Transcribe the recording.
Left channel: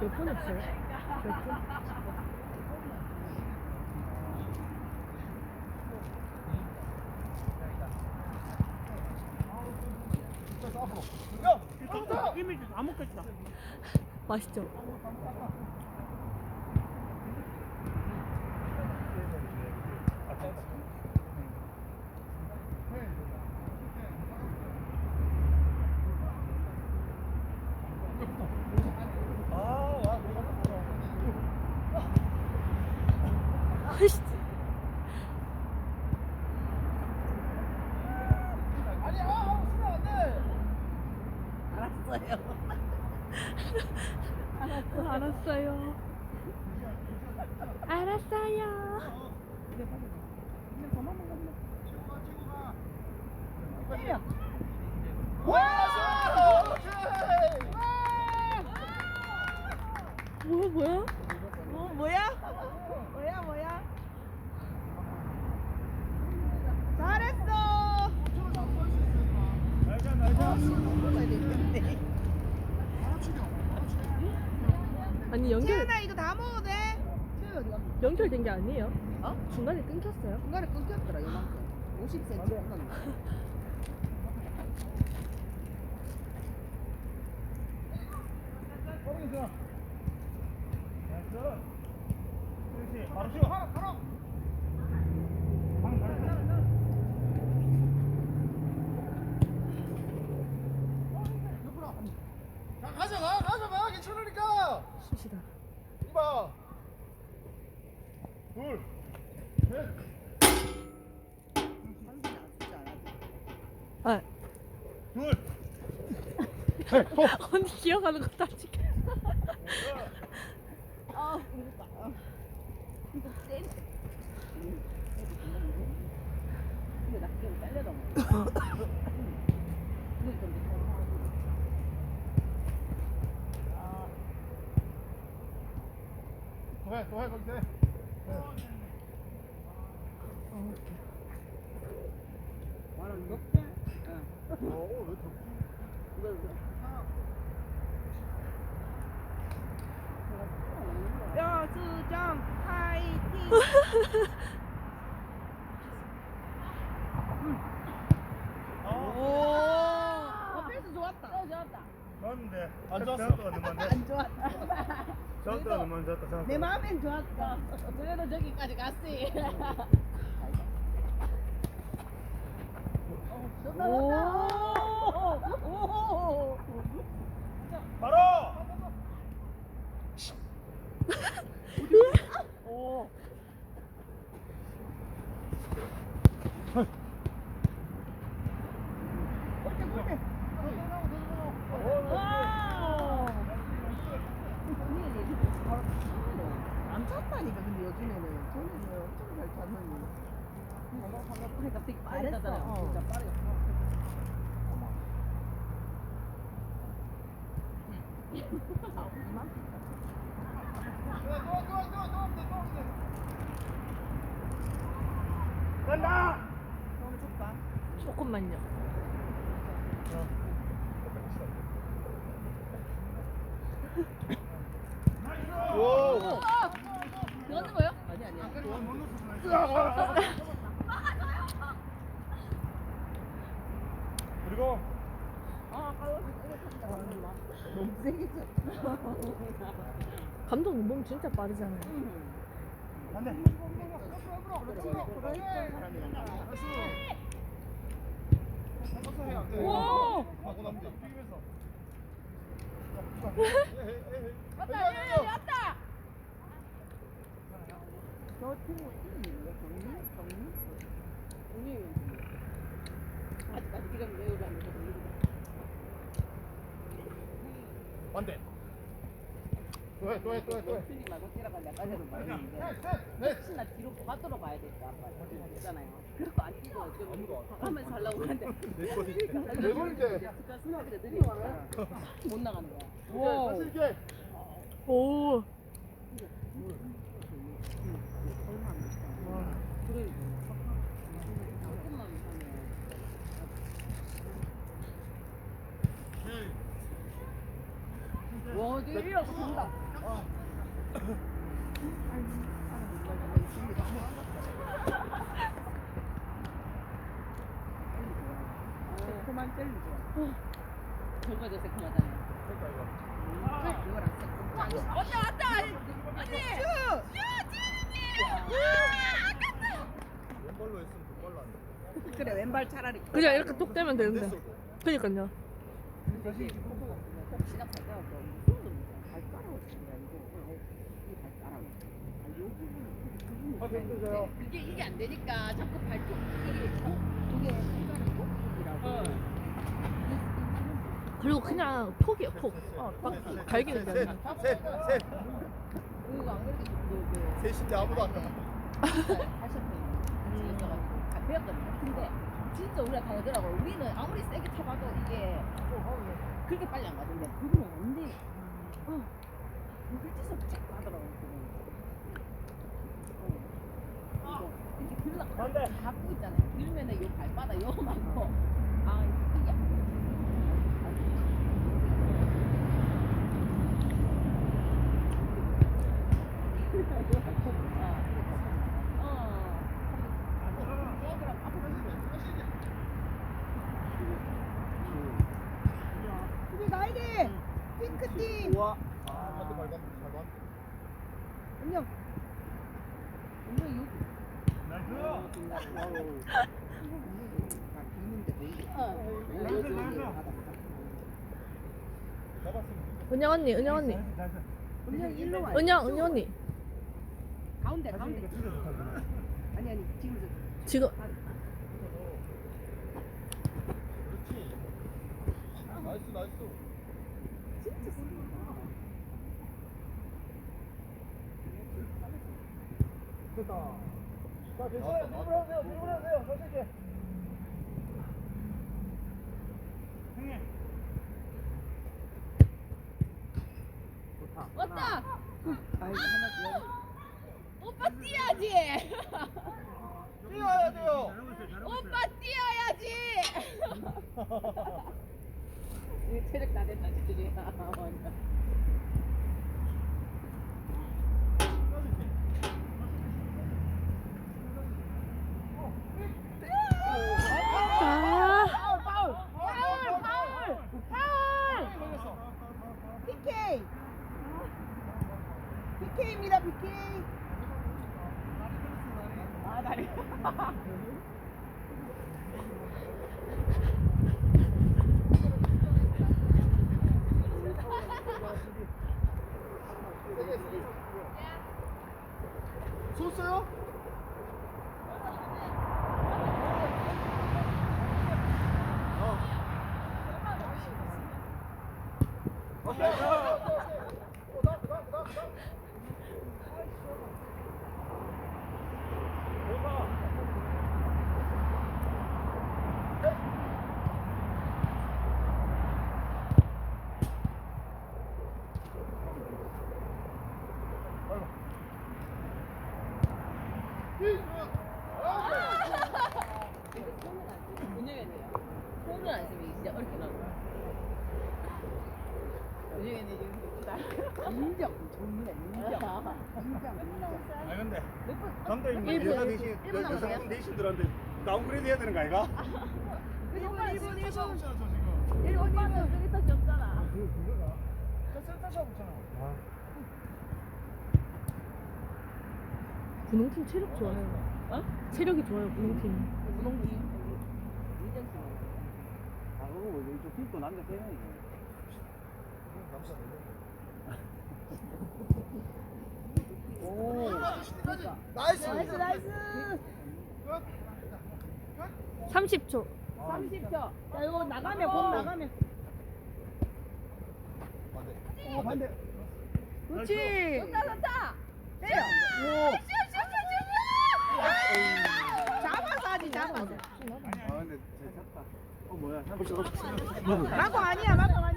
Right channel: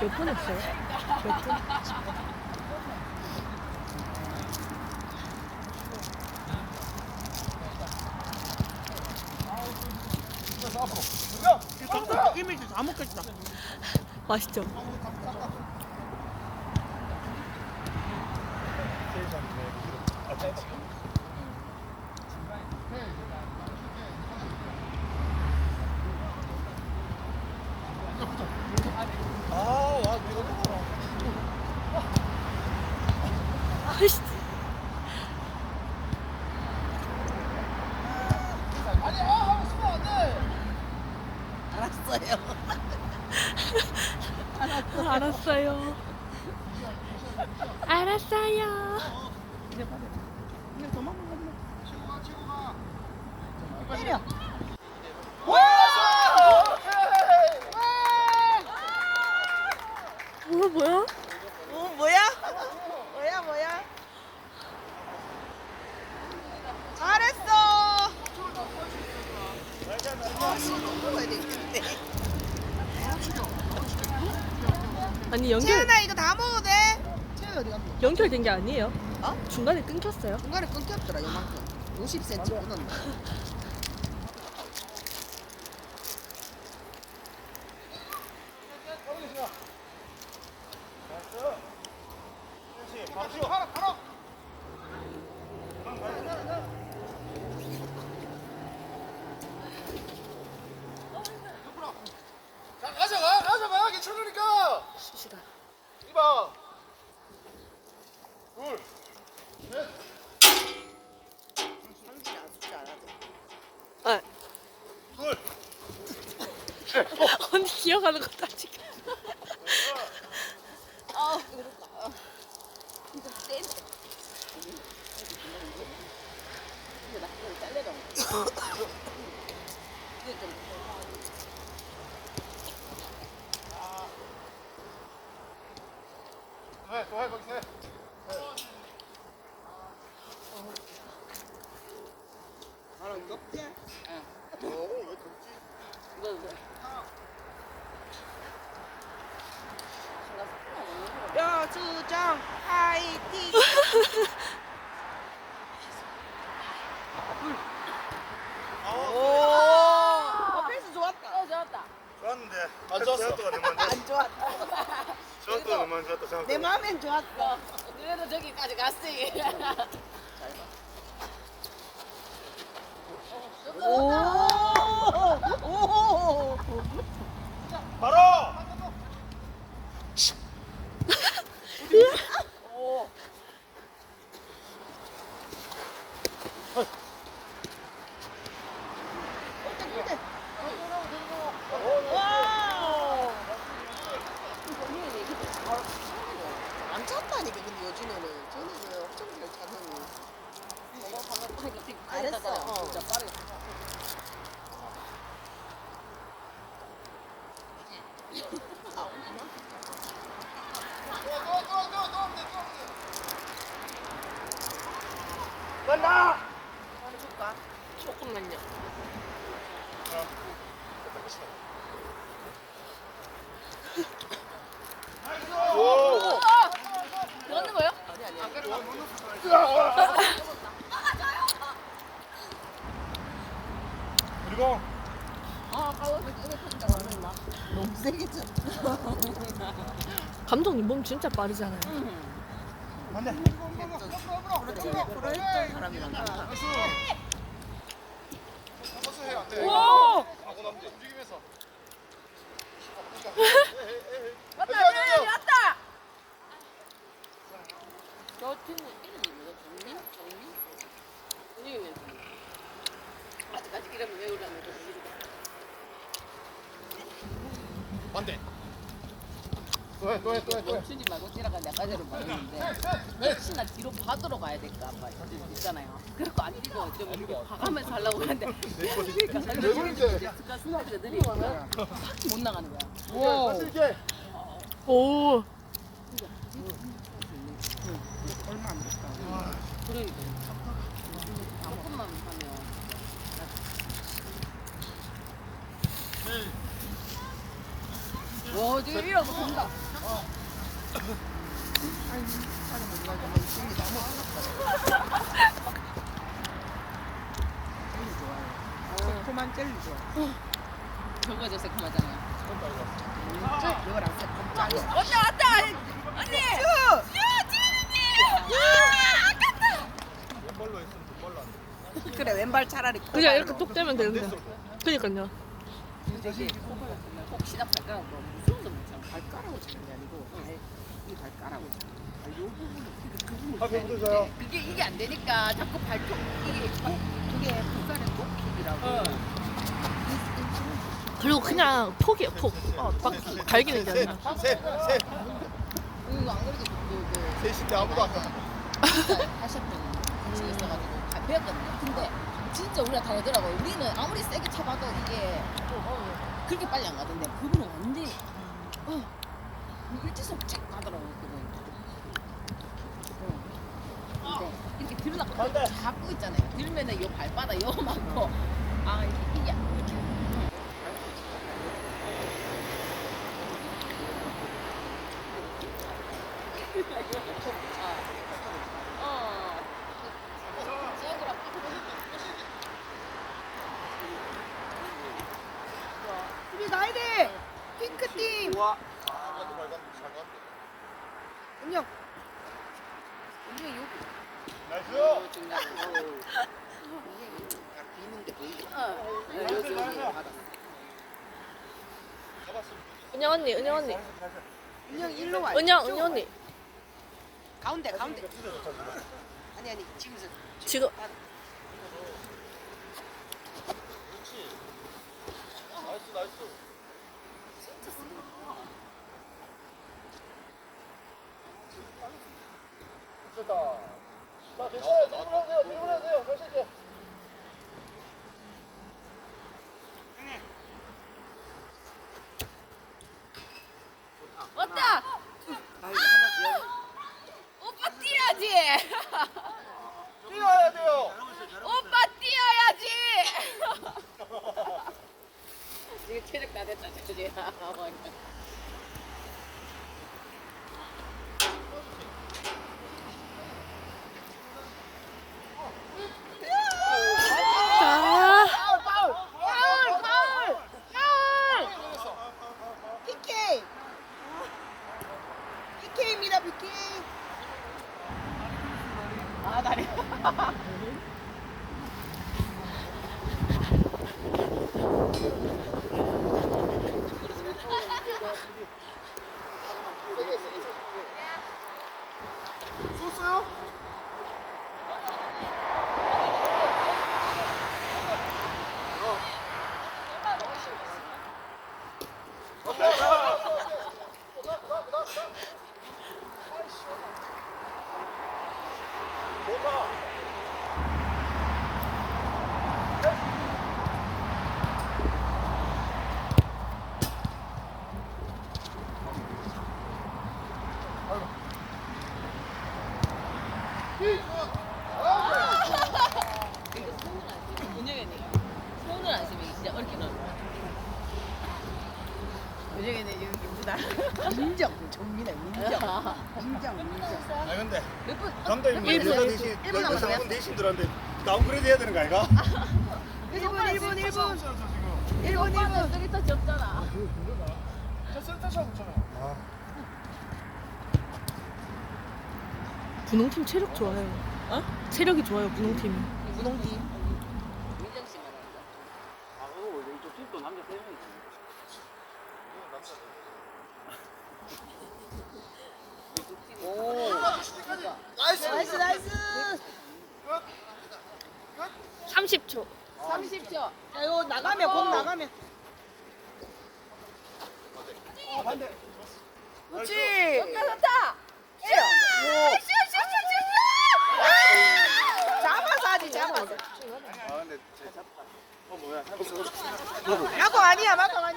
몇 분 했어요? 몇 분? 먹겠다. 맛있죠? 아이씨. 알았어요. 알았어요. 알았어요. 그냥 더 먹는 거면 뭐야 뭐야? 어, 뭐야? 뭐야 뭐야? 잘했어. 아니 연결 채연아 이거 다 먹어도 돼? 채연 어디 갔어? 연결된 게 아니에요? 어? 중간에 끊겼어요. 중간에 끊겼더라 이만큼. 50cm 끊었네. 자, 가져가, 가져가, 괜찮으니까. 쑤시다. 이봐. 둘, 셋, 아 둘. 언니 기억하는 것도 아직. 해, 또 해, 거기서 해. 덥지? 여주정 화이팅. 오. 어, 패스 좋았다. 어, 좋았다. 좋았는데. 안 좋았어. 생각보다 너무 안 좋았어. 안 좋았다. 생각보다 너무 안 좋았다, 생각보다. 내 마음엔 좋았어. 그래도 저기까지 갔지. 오. 오. 바로! 오. 안 찼다니까 근데 요즘에는 저는 엄청 잘 찼는데 잘했어 어. 진짜 빠르게. 조금만요. 오! 넣는 거요? 그리고 찼다 감독님 몸 진짜 빠르잖아요. 안 돼. 프로팀에 프로했던 사람이랑 달라 와! 하고 남지. 움직이면서. 맞다, 맞다. 저 친구 이름이 뭐야? 정민? 정민? 언니 왜? 아직까지 이름 외우려는 거 반대. 또 해, 또 해, 또 해, 또 해. 춘이 말고 지나가 내가 가지를 봤는데 넷. 혹시나 뒤로 받으러 가야 될까 봐 있잖아요. 그래서 안 뛰고 좀 이렇게 봐가면서 하려고 했는데 내 거지. 그러니까 내 거인데. 스카스가 느리니까 못 나가는 거야. 오. 오. 그러니까 방금만 하면 와, 되게 이렇게 그만 젤리죠. 저거 저 새콤하잖아요. 이거랑 새콤 언니 왔다. 언니. 왼발로 했으면 뒷발로 안 돼. 그래 왼발 차라리 그냥 이렇게 톡 떼면 되는데. 그니까요. 혹시나 발가락. 발가락으로 치는 게 아니고 이 발가락으로 치는 거야. 요 부분이 앞에 힘들어요. 이게 이게 안 되니까 자꾸 발톱 이게 그게 북한의 목킥이라고. 그리고 그냥 폭이에요, 폭. 어, 막 갈기는 게 아니라. 셋, 셋. 이거 안 그래도 그 셋인데 아무도 안 가. 하셨던 같이 있어가지고 다 배웠거든요. 근데 진짜 우리가 다르더라고 요. 우리는 아무리 세게 쳐봐도 이게 그렇게 빨리 안 가던데 그분은 완전히 어 일지속 책 가더라고요. 그분. 근데 이렇게 들으려고 잡고 있잖아요. 들면은 요 발바닥 요만고 아 이게 이게 이렇게 우리 가야 돼. 핑크팀. 우와. 아, 잘 가. 운영. 나이스. 비는데 보이게. 잡았으면 은영 언니, 은영 언니. 운영 일로 와. 은영, 은영 언니. 가운데 가운데. 아니 아니 지금서. 지금. 나이스, 나이스. 좋다. 자, 괜찮아요. 드리블 하세요. 드리블 하세요. 자신 있게. 왔다. 오빠 뛰어야지. 뛰어야 돼요. 오빠 뛰어야지. 이게 체력 다 됐다? 아, PK. PK입니다 PK. 아, 다리. 쏘어요? 이거 손을 안 쓰면 은영이네. 손을 안 쓰면 진짜 어렵게 나와. 은영이네 이거 예쁘다. 인정. 정민아 인정. 인정. 아 근데 몇 분? 감독님 일분, 여자. 대신 일분 남았어요. 여자분 대신들한테 다운그레이드 해야 되는 거 아이가? 1분 1분 1분. 지금. 1분 1분. 쓰리터치 없잖아. 저 붙잖아요. 아. 분홍팀 체력 좋아요. 어? 체력이 좋아요, 분홍팀. 씨만. 아, 그거 이쪽 팀도 남자 세 명이네. 나이스. 나이스 나이스. 30초. 30초. 자 이거 나가면 공 나가면. 어, 반대. 그렇지. 좋다 좋다. 잡아서 하지 잡아서. 아, 근데 제 잡다. 어, 뭐야. 마공 아니야 마공 아니야.